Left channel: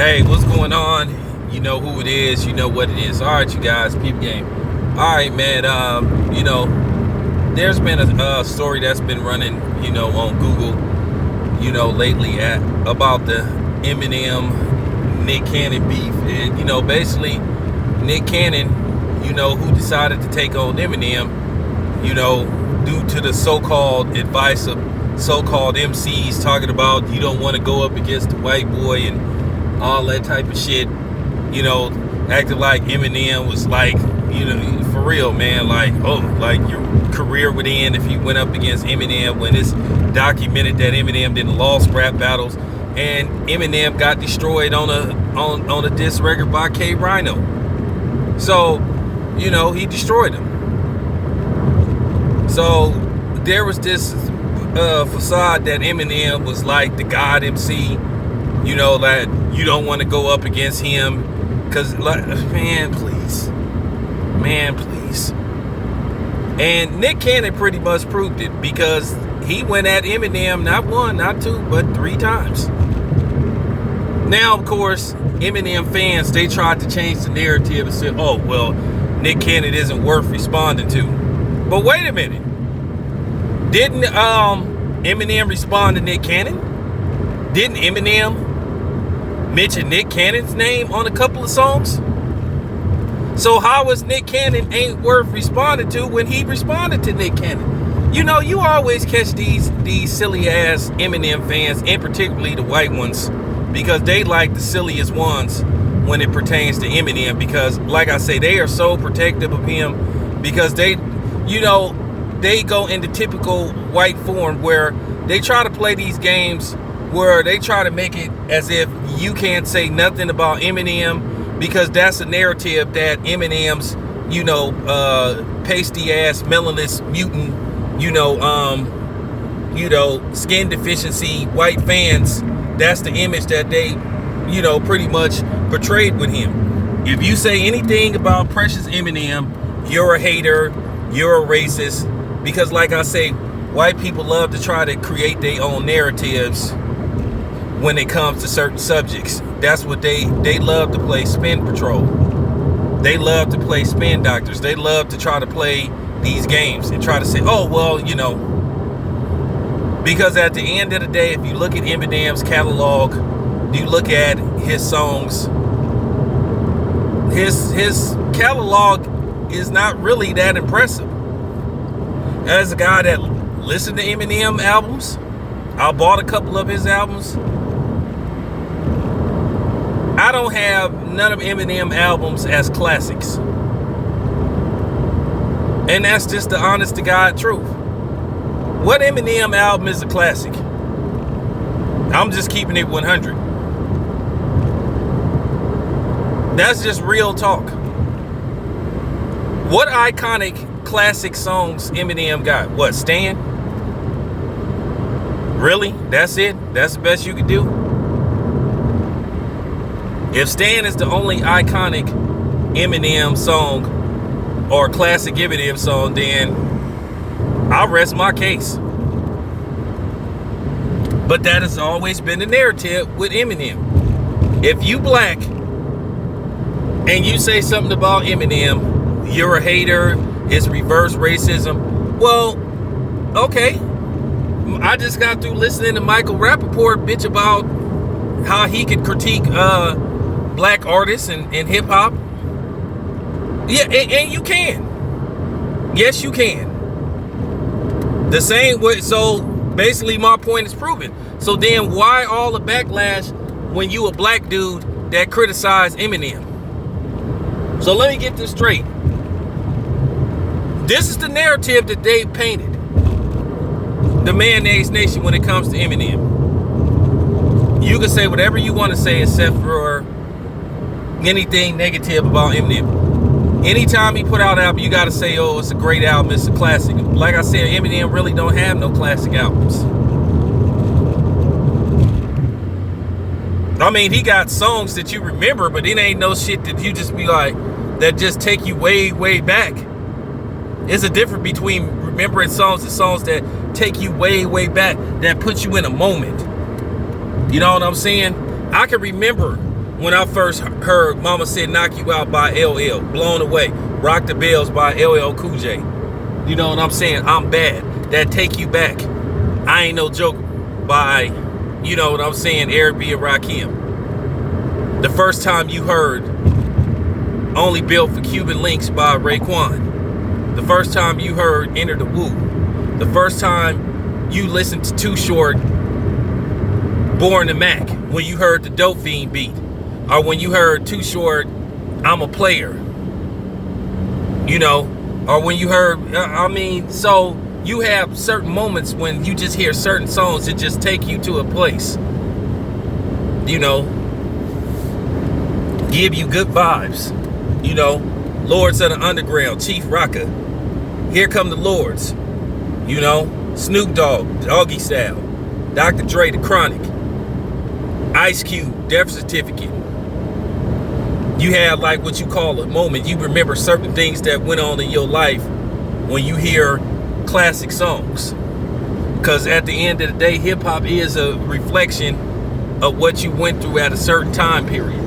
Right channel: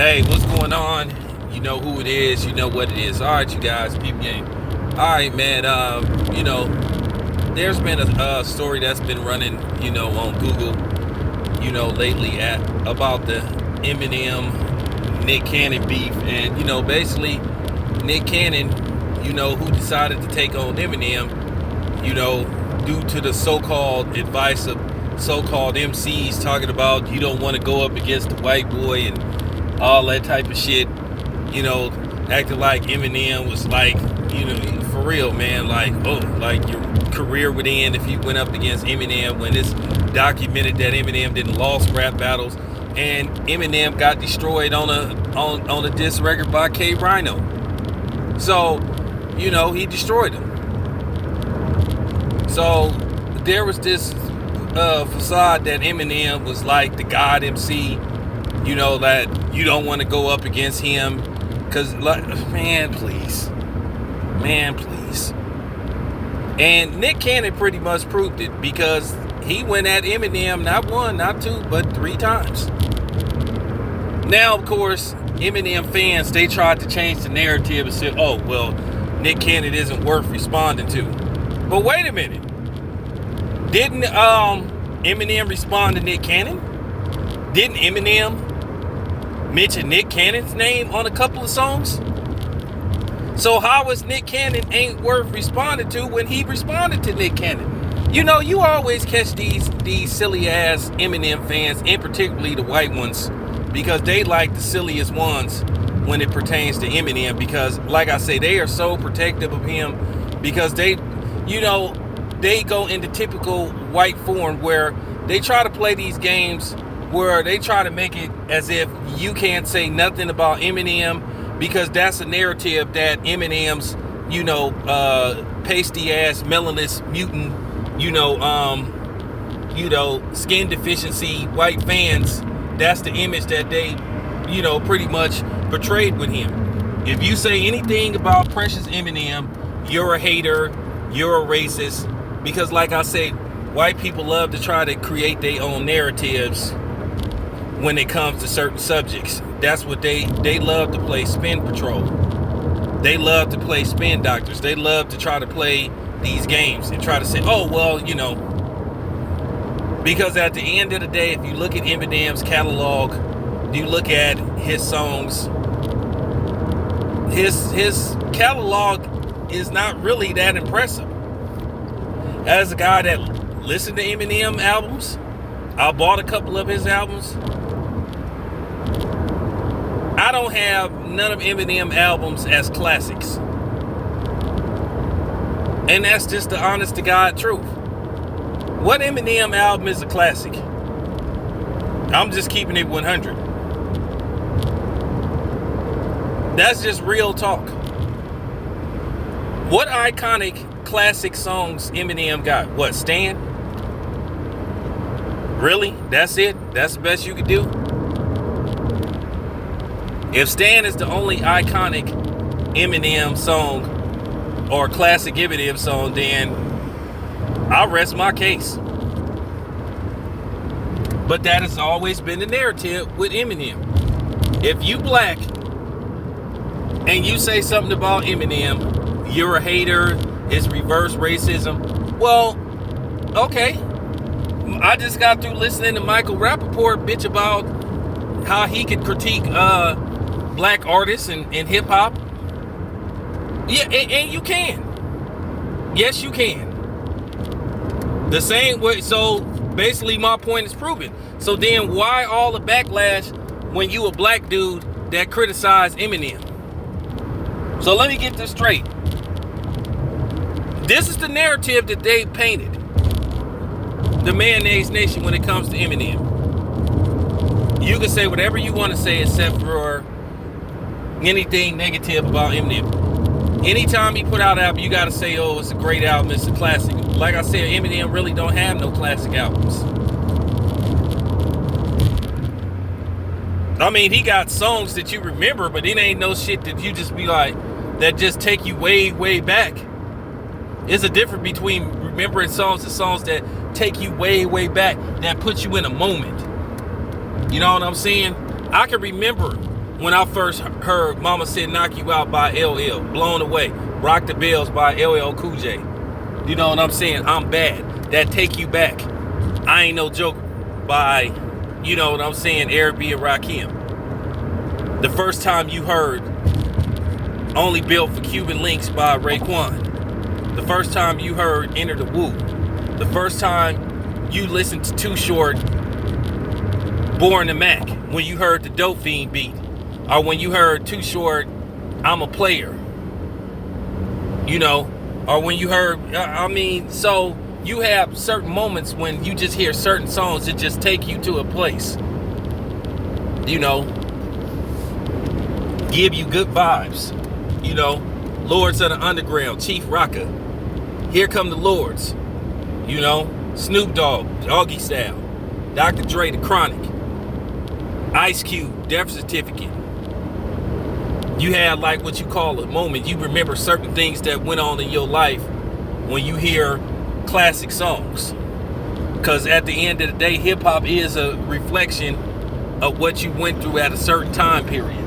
Hey, what's going on? You know who it is. You know what it is. All right, you guys, peep game. All right, man. There's been a story that's been running, on Google, lately about the Eminem Nick Cannon beef, and basically Nick Cannon, who decided to take on Eminem, due to the so-called advice of so-called MCs talking about you don't want to go up against the white boy and all that type of shit, acting like Eminem was like, for real, man, like your career would end if you went up against Eminem, when it's documented that Eminem didn't lost rap battles, and Eminem got destroyed on a diss record by K Rhino. So, he destroyed him. So there was this facade that Eminem was like the God MC, that you don't want to go up against him, because, man, please. And Nick Cannon pretty much proved it, because he went at Eminem not one, not two, but 3 times. Now, of course, Eminem fans, they tried to change the narrative and say, oh, well, Nick Cannon isn't worth responding to. But wait a minute. Didn't Eminem respond to Nick Cannon? Didn't Eminem mention Nick Cannon's name on a couple of songs? So how is Nick Cannon ain't worth responding to when he responded to Nick Cannon? You always catch these silly ass Eminem fans, and particularly the white ones, because they like the silliest ones when it pertains to Eminem, because like I say, they are so protective of him, because they go into typical white form where they try to play these games where they try to make it as if you can't say nothing about Eminem, because that's a narrative that Eminem's, pasty ass, melanin mutant, skin deficiency white fans, that's the image that they, pretty much portrayed with him. If you say anything about Precious Eminem, you're a hater, you're a racist, because like I say, white people love to try to create their own narratives when it comes to certain subjects. That's what they love to play spin patrol. They love to play spin doctors. They love to try to play these games and try to say, oh, well, because at the end of the day, if you look at Eminem's catalog, you look at his songs, his catalog is not really that impressive. As a guy that listened to Eminem albums, I bought a couple of his albums. I don't have none of Eminem albums as classics. And that's just the honest to God truth. What Eminem album is a classic? I'm just keeping it 100. That's just real talk. What iconic classic songs Eminem got? What, Stan? Really? That's it? That's the best you could do? If Stan is the only iconic Eminem song or classic Eminem song, then I'll rest my case. But that has always been the narrative with Eminem. If you black and you say something about Eminem, you're a hater, it's reverse racism. Well, okay. I just got through listening to Michael Rappaport bitch about how he could critique black artists and hip hop. Yeah, and you can. Yes, you can. The same way. So basically my point is proven. So then why all the backlash when you a black dude that criticized Eminem? So let me get this straight. This is the narrative that they painted. The Mayonnaise Nation when it comes to Eminem. You can say whatever you want to say except for anything negative about Eminem. Anytime he put out an album, you got to say, oh, it's a great album, it's a classic. Like I said, Eminem really don't have no classic albums. I mean, he got songs that you remember, but it ain't no shit that you just be like, that just take you way, way back. There's a difference between remembering songs and songs that take you way, way back, that put you in a moment. You know what I'm saying? I can remember when I first heard Mama Said Knock You Out by LL, Blown Away, Rock the Bells by LL Cool J. You know what I'm saying? I'm Bad, That Take You Back, I Ain't No Joke by, you know what I'm saying, Eric B. and Rakim. The first time you heard Only Built for Cuban Links by Raekwon. The first time you heard Enter the Woo. The first time you listened to Too Short, Born to Mac, when you heard the Dope Fiend beat. Or when you heard Too Short, I'm a Player. You know, or when you heard, I mean, so you have certain moments when you just hear certain songs that just take you to a place. You know, give you good vibes. You know, Lords of the Underground, Chief Rocker. Here Come the Lords. You know, Snoop Dogg, Doggy Style. Dr. Dre, The Chronic. Ice Cube, Death Certificate. You had like what you call a moment. You remember certain things that went on in your life when you hear classic songs. Because at the end of the day, hip-hop is a reflection of what you went through at a certain time period.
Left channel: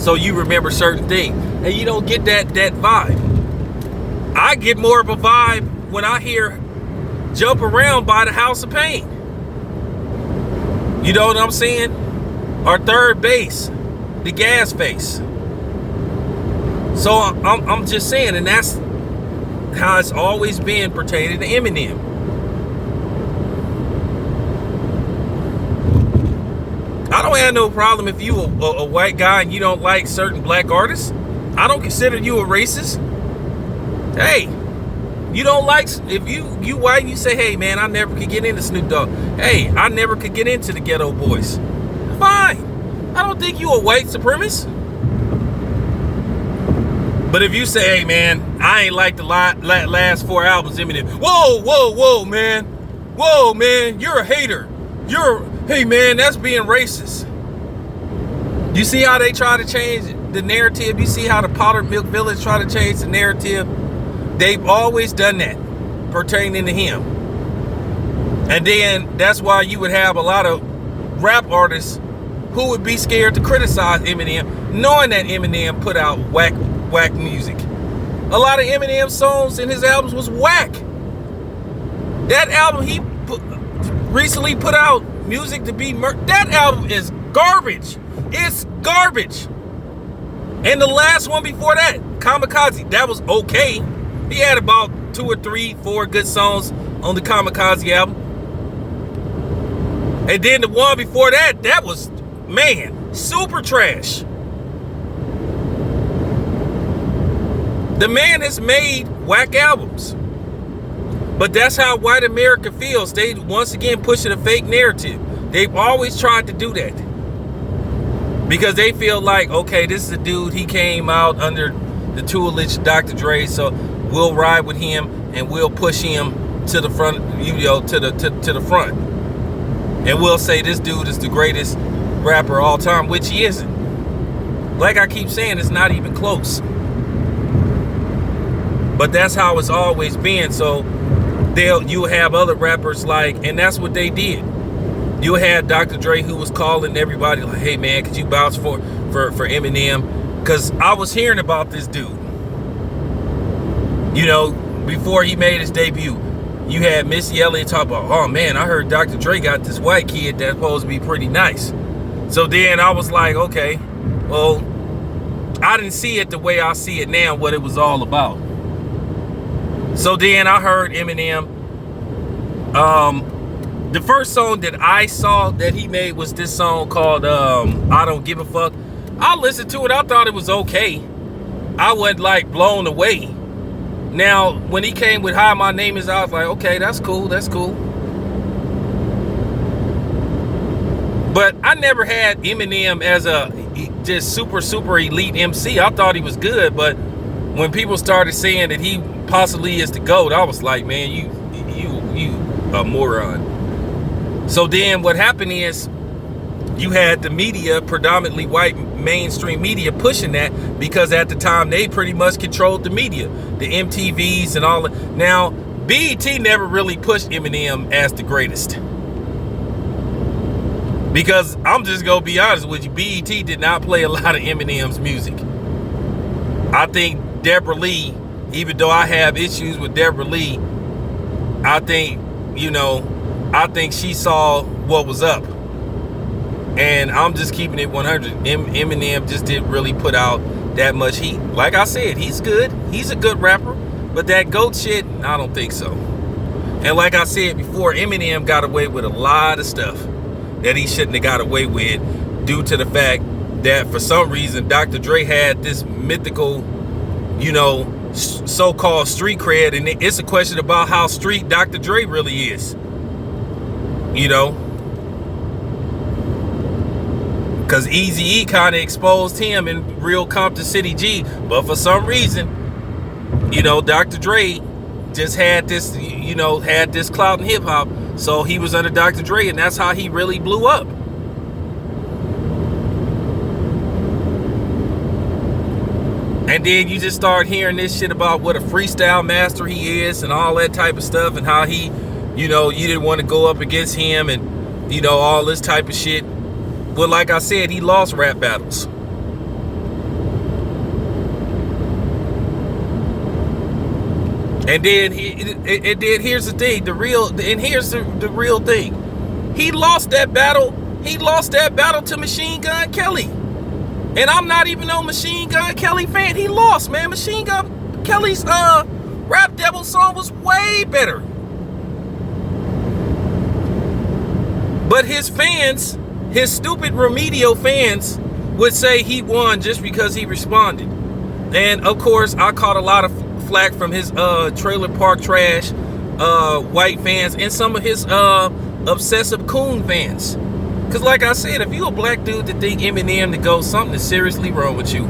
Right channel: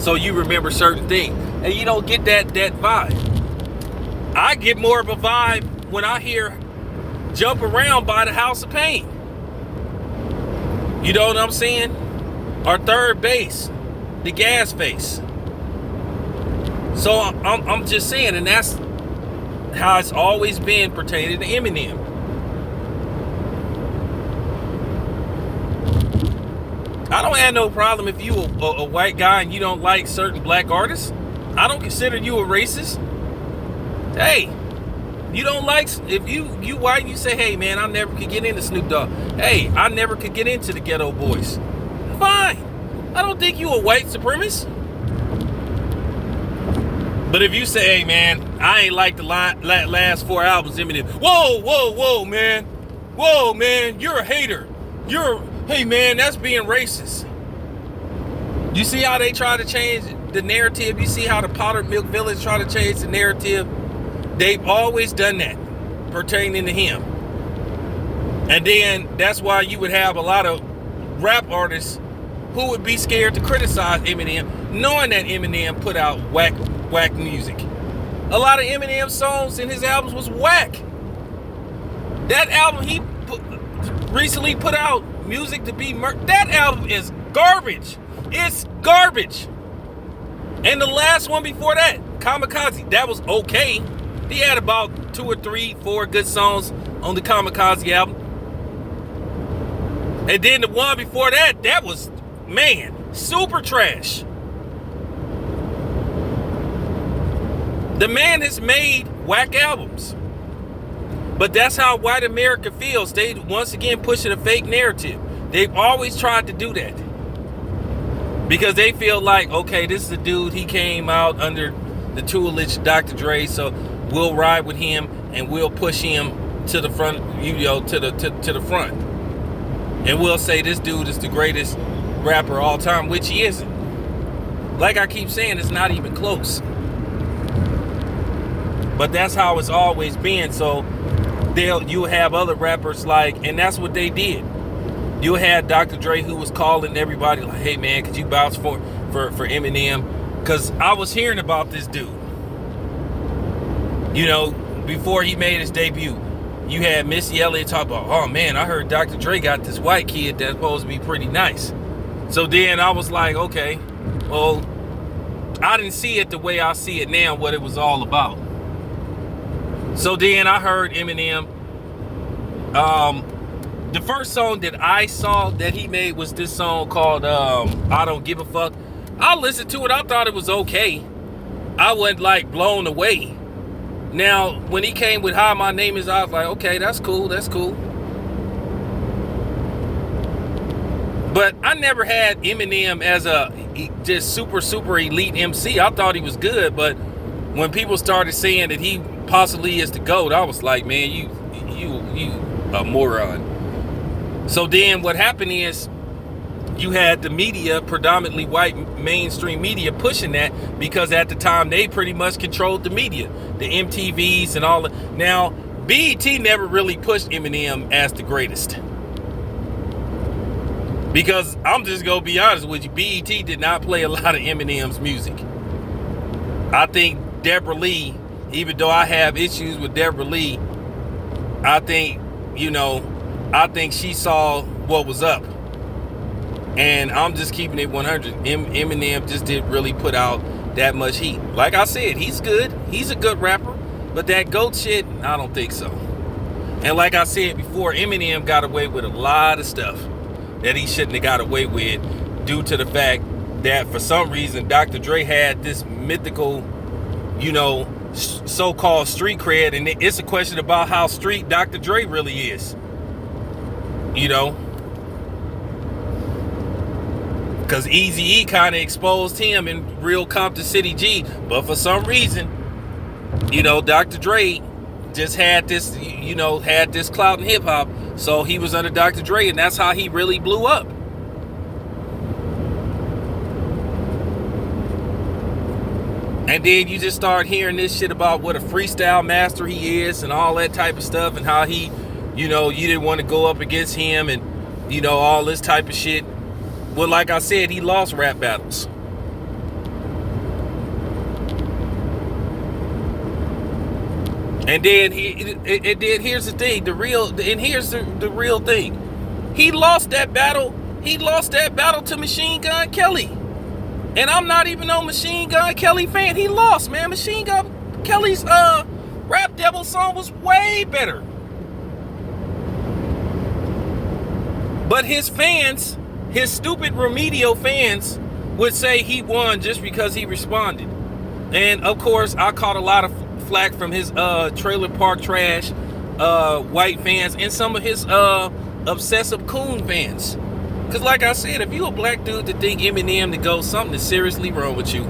So you remember certain things. And you don't get that vibe. I get more of a vibe when I hear Jump Around by the House of Pain. You know what I'm saying? Or Third Base, the Gas Face. So I'm just saying, and that's how it's always been pertaining to Eminem. I don't have no problem if you a white guy and you don't like certain black artists. I don't consider you a racist. Hey, you don't like, if you white and you say, hey man, I never could get into Snoop Dogg. Hey, I never could get into the Ghetto Boys. Fine. I don't think you a white supremacist. But if you say, hey man, I ain't like the last 4 albums, Eminem. Whoa, man. Whoa, man, you're a hater. Hey man, that's being racist. You see how they try to change the narrative? You see how the Powdered Milk Village try to change the narrative? They've always done that pertaining to him. And then that's why you would have a lot of rap artists who would be scared to criticize Eminem, knowing that Eminem put out whack music. A lot of Eminem songs in his albums was whack. That album he recently put out, Music to Be Murdered, that album is garbage. It's garbage. And the last one before that, Kamikaze, that was okay. He had about 2 or 3, 4 good songs on the Kamikaze album. And then the one before that, that was, man, super trash. The man has made whack albums. But that's how white America feels. They once again pushing a fake narrative. They've always tried to do that. Because they feel like, okay, this is a dude, he came out under the tutelage of Dr. Dre, so we'll ride with him and we'll push him to the front, to the front. And we'll say this dude is the greatest rapper of all time, which he isn't. Like I keep saying, it's not even close. But that's how it's always been. So you'll have other rappers like, and that's what they did. You had Dr. Dre who was calling everybody like, hey man, could you vouch for Eminem? Because I was hearing about this dude. You know, before he made his debut, you had Missy Elliott talk about, oh man, I heard Dr. Dre got this white kid that's supposed to be pretty nice. So then I was like, okay, well, I didn't see it the way I see it now, what it was all about. So then I heard Eminem. The first song that I saw that he made was this song called I Don't Give a Fuck. I listened to it. I thought it was okay. I wasn't like blown away. Now, when he came with Hi, My Name Is, I was like, okay, that's cool. That's cool. But I never had Eminem as a just super elite MC. I thought he was good, but when people started saying that he possibly is the GOAT, I was like, man, you a moron. So then what happened is you had the media, predominantly white mainstream media, pushing that because at the time they pretty much controlled the media, the MTVs and all that. Now, BET never really pushed Eminem as the greatest. Because I'm just gonna be honest with you, BET did not play a lot of Eminem's music. I think Deborah Lee, even though I have issues with Deborah Lee, I think she saw what was up. And I'm just keeping it 100. Eminem just didn't really put out that much heat. Like I said, he's good. He's a good rapper. But that GOAT shit, I don't think so. And like I said before, Eminem got away with a lot of stuff that he shouldn't have got away with due to the fact that for some reason Dr. Dre had this mythical, so-called street cred. And it's a question about how street Dr. Dre really is. Because Eazy-E kind of exposed him in real Compton City G. But for some reason, Dr. Dre just had this, had this clout in hip hop. So he was under Dr. Dre, and that's how he really blew up. And then you just start hearing this shit about what a freestyle master he is and all that type of stuff, and how he, you didn't want to go up against him and, all this type of shit. Well, like I said, he lost rap battles. And then here's the thing, here's the real thing. He lost that battle to Machine Gun Kelly. And I'm not even no Machine Gun Kelly fan. He lost, man. Machine Gun Kelly's Rap Devil song was way better. But his fans, his stupid remedial fans, would say he won just because he responded. And of course, I caught a lot of flack from his trailer park trash white fans and some of his obsessive coon fans. Because like I said, if you a black dude that think Eminem to go, something is seriously wrong with you.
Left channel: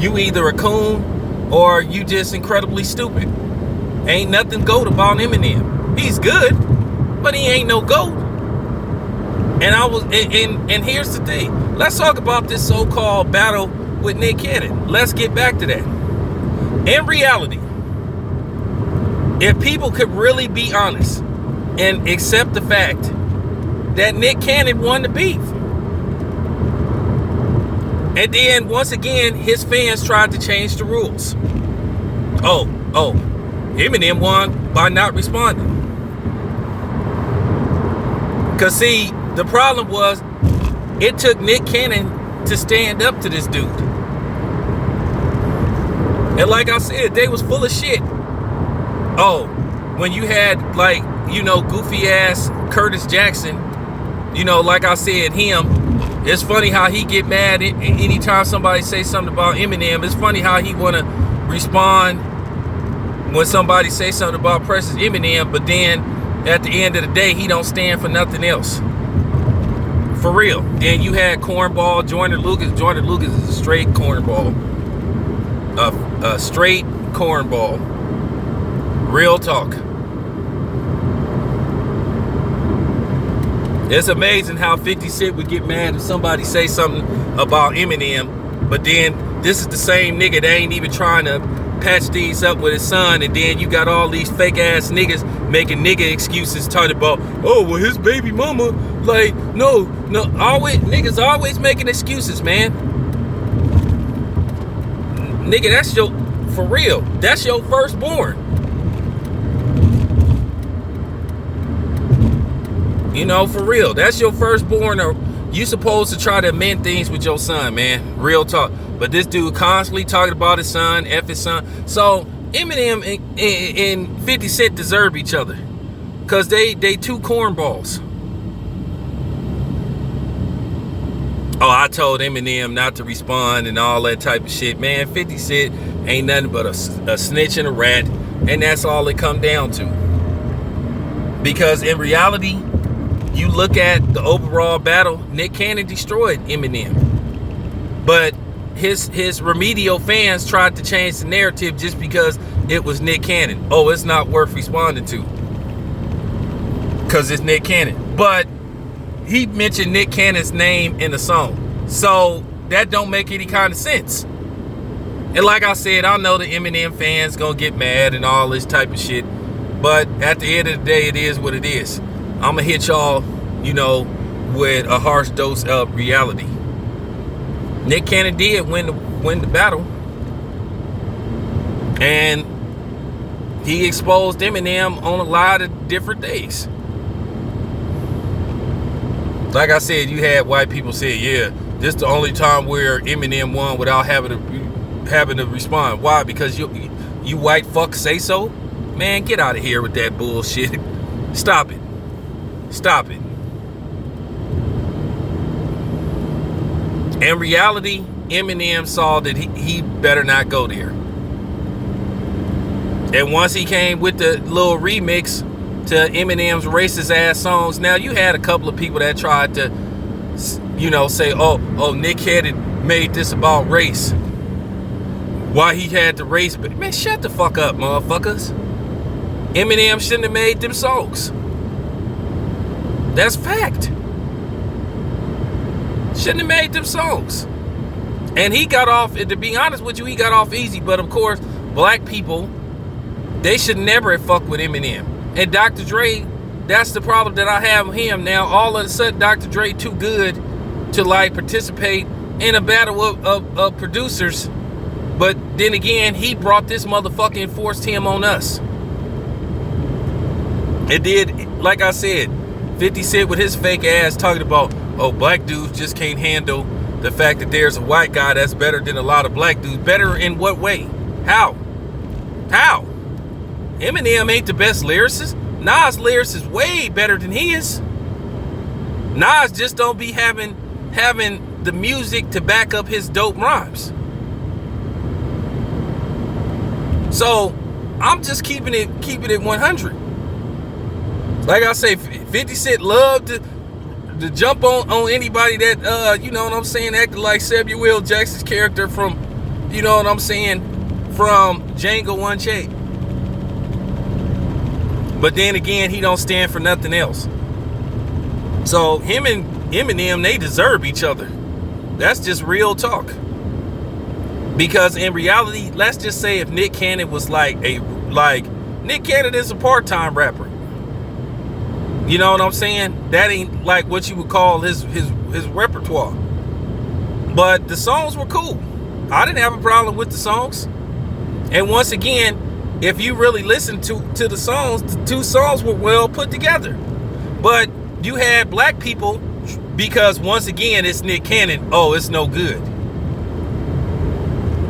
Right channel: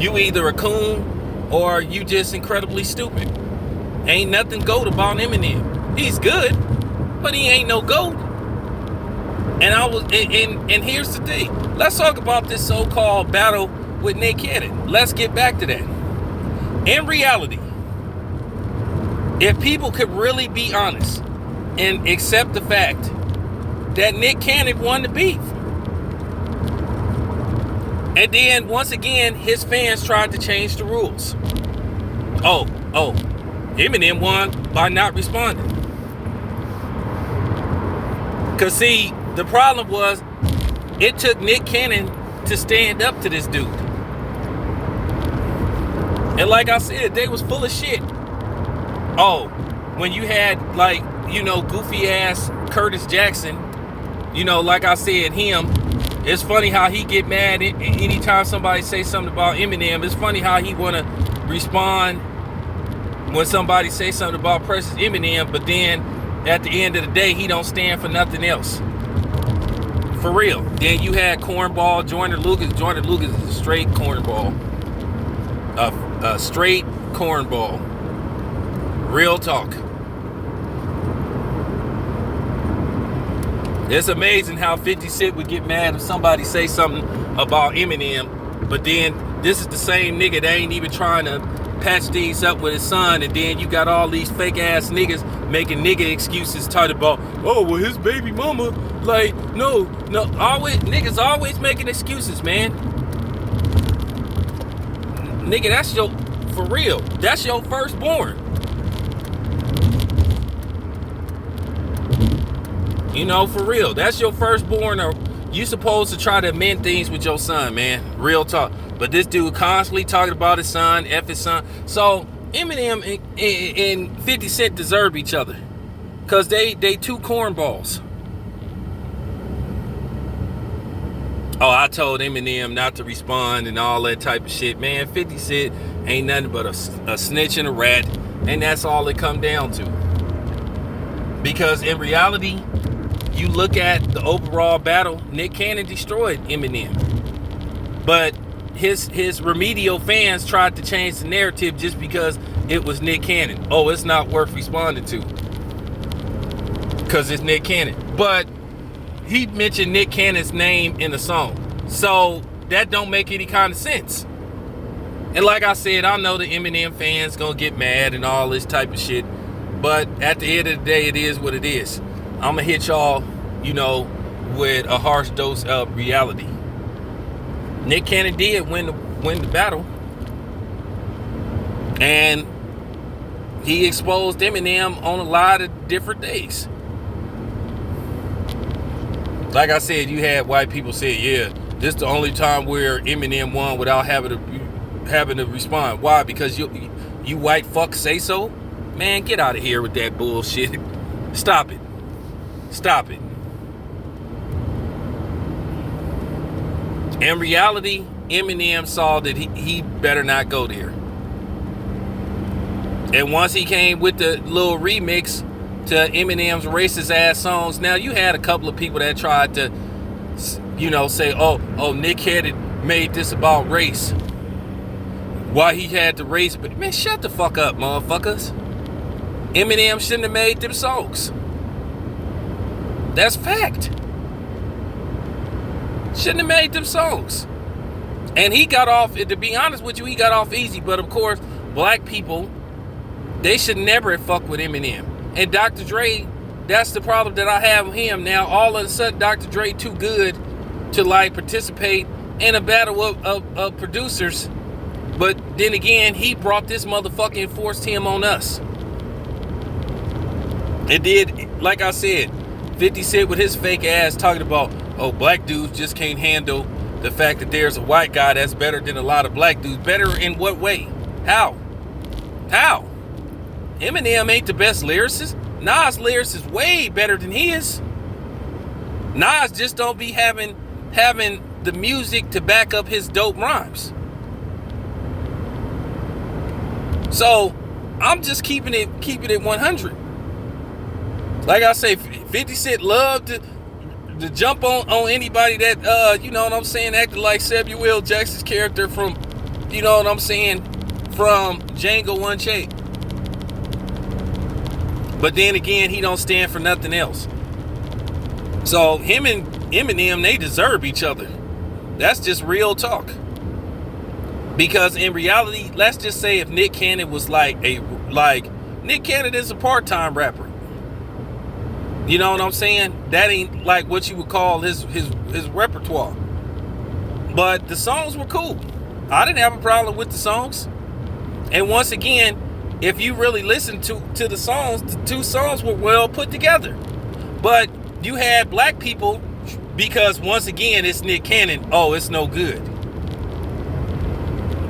You either a coon or you just incredibly stupid. Ain't nothing GOAT about Eminem. He's good, but he ain't no GOAT. And here's the thing. Let's talk about this so-called battle with Nick Cannon. Let's get back to that. In reality, if people could really be honest and accept the fact that Nick Cannon won the beef, and then once again his fans tried to change the rules. Oh, Eminem won by not responding. Cause see, the problem was it took Nick Cannon to stand up to this dude. And like I said, they was full of shit. Oh, when you had goofy ass Curtis Jackson, like I said, him, it's funny how he get mad anytime somebody say something about Eminem. It's funny how he want to respond when somebody say something about Precious Eminem, but then at the end of the day, he don't stand for nothing else. For real. Then you had cornball Joyner Lucas. Joyner Lucas is a straight cornball. A straight cornball. Real talk. It's amazing how 50 Cent would get mad if somebody say something about Eminem, but then this is the same nigga that ain't even trying to patch things up with his son, and then you got all these fake ass niggas making nigga excuses talking about, oh, well, his baby mama, no, niggas always making excuses, man. Nigga, that's for real, that's your firstborn. For real, that's your firstborn, or you supposed to try to amend things with your son, man. Real talk. But this dude constantly talking about his son, F his son. So Eminem and 50 Cent deserve each other, because they two cornballs. Oh, I told Eminem not to respond and all that type of shit. Man, 50 Cent ain't nothing but a snitch and a rat, and that's all it come down to. Because in reality, you look at the overall battle, Nick Cannon destroyed Eminem. But his remedial fans tried to change the narrative just because it was Nick Cannon. Oh, it's not worth responding to because it's Nick Cannon. But he mentioned Nick Cannon's name in the song, so that don't make any kind of sense. And like I said, I know the Eminem fans gonna get mad and all this type of shit, but at the end of the day, it is what it is. I'm gonna hit y'all, with a harsh dose of reality. Nick Cannon did win the battle, and he exposed Eminem on a lot of different days. Like I said, you had white people say, yeah, this is the only time where Eminem won without having to respond. Why? Because you white fuck say so? Man, get out of here with that bullshit. Stop it. Stop it. In reality, Eminem saw that he better not go there. And once he came with the little remix to Eminem's racist ass songs, now you had a couple of people that tried to, say, oh, Nick Cannon made this about race. Why he had the race, but man, shut the fuck up, motherfuckers. Eminem shouldn't have made them songs. That's fact. Shouldn't have made them songs. And he got off, to be honest with you, he got off easy. But of course, black people, they should never have fucked with Eminem. And Dr. Dre, that's the problem that I have with him. Now, all of a sudden, Dr. Dre too good to like participate in a battle of producers. But then again, he brought this motherfucker and forced him on us. It did, like I said, 50 Cent with his fake ass talking about, oh, black dudes just can't handle the fact that there's a white guy that's better than a lot of black dudes. Better in what way? How? Eminem ain't the best lyricist. Nas' lyrics is way better than his. Nas just don't be having the music to back up his dope rhymes. So I'm just keeping it 100. Like I say, 50 Cent loved to jump on anybody that you know what I'm saying, acted like Samuel Jackson's character from, you know what I'm saying, from Django Unchained. But then again, he don't stand for nothing else. So him and Eminem, they deserve each other. That's just real talk. Because in reality, let's just say if Nick Cannon was like Nick Cannon is a part-time rapper. You know what I'm saying? That ain't like what you would call his repertoire. But the songs were cool. I didn't have a problem with the songs. And once again, if you really listen to the songs, the two songs were well put together. But you had black people, because once again, it's Nick Cannon. Oh, it's no good.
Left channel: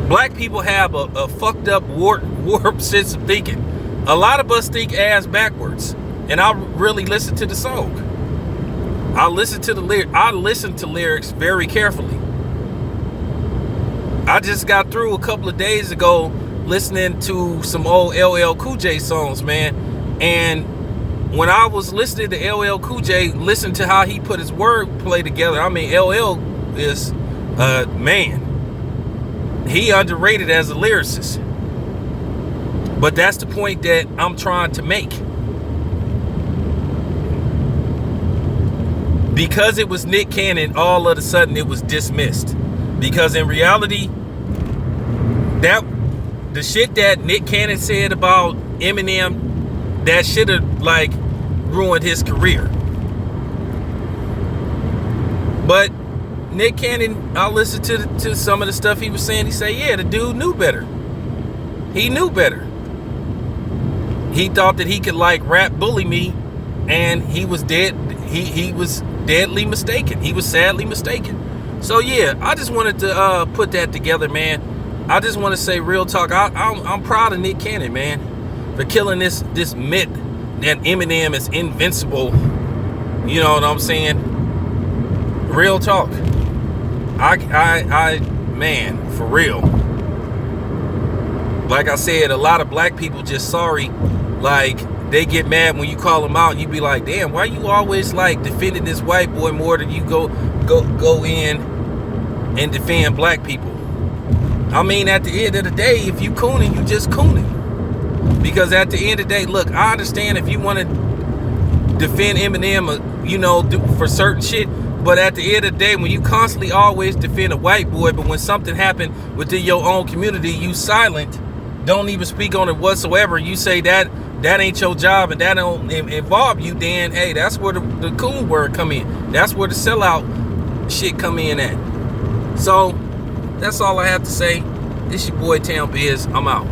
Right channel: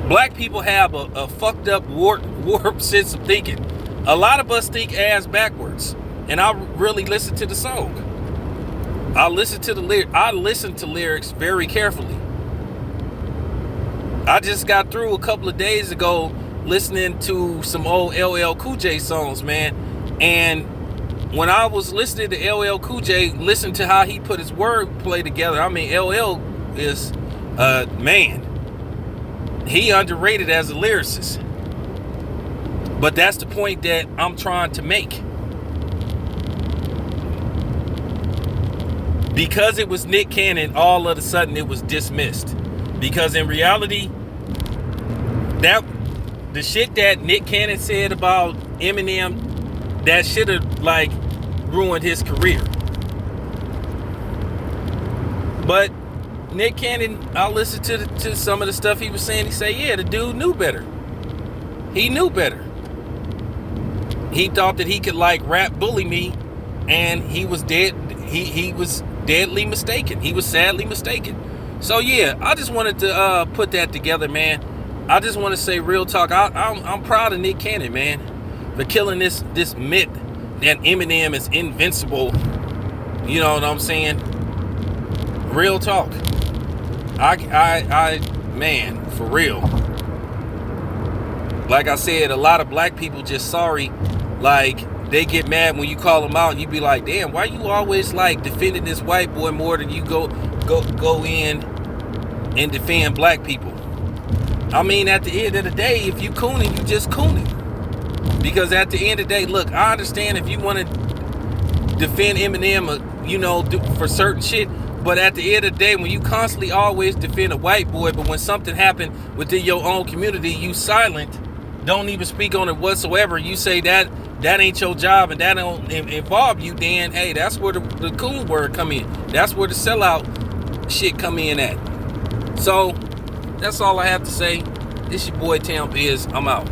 Black people have a fucked up warped sense of thinking. A lot of us think ass backwards. And I really listen to the song. I listen to lyrics very carefully. I just got through a couple of days ago listening to some old LL Cool J songs, man. And when I was listening to LL Cool J, listen to how he put his wordplay together. I mean, LL is, man, he underrated as a lyricist. But that's the point that I'm trying to make. Because it was Nick Cannon, all of a sudden it was dismissed. Because in reality, that the shit that Nick Cannon said about Eminem, that should have like ruined his career. But Nick Cannon, I listened to some of the stuff he was saying. He said, yeah, the dude knew better. He knew better. He thought that he could like rap bully me, and he was dead. He was deadly mistaken. He was sadly mistaken. So yeah, I just wanted to put that together, man. I just want to say real talk. I'm proud of Nick Cannon, man, for killing this myth that Eminem is invincible. You know what I'm saying? Real talk. I man, for real. Like I said, a lot of black people just sorry. Like, they get mad when you call them out, and you be like, damn, why you always like defending this white boy more than you go in and defend black people? I mean, at the end of the day, if you cooning, you just cooning. Because at the end of the day, look, I understand if you want to defend Eminem, you know, for certain shit, but at the end of the day, when you constantly always defend a white boy, but when something happened within your own community, you silent, don't even speak on it whatsoever. You say that that ain't your job and that don't involve you, then hey, that's where the cool word come in. That's where the sellout shit come in at. So that's all I have to say. This your boy Tam Biz. I'm out.